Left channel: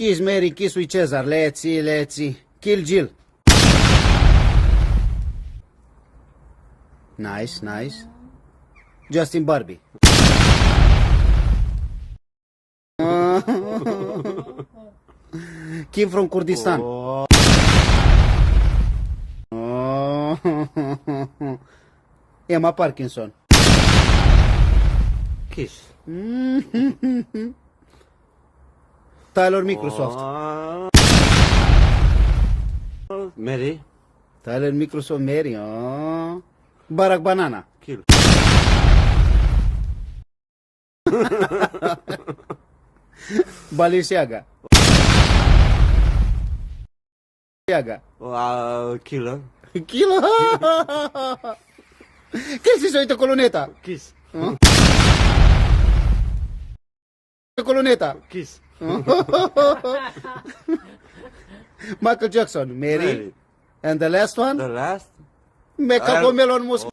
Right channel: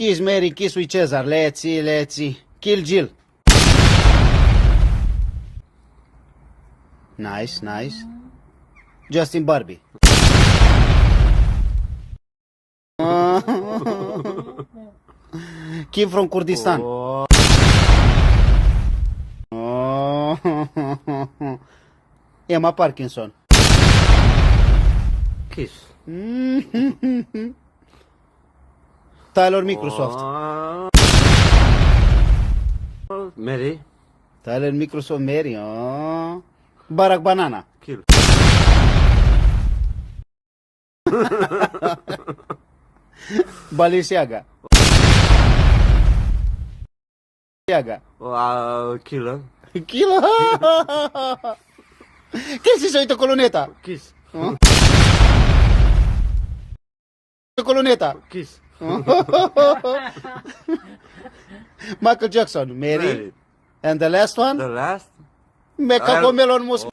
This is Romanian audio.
Kiss Mary, kiss with Cesar. Let's see. Kill Jill. Nice. Justin Barbie. Kim from Kurdistan. Emma Parkinson. Kiss. Tyler Microsoft. Mary. Tyler Microsoft Mary. Barack Banana. Kill. Balenciaga. Killer. Kilo. Che si solito colonnetta? Kiss. Colonnetta. Kiss. Michael Jackson. Mary. Mary. And the last one? The last. Mecha Melon Moscow.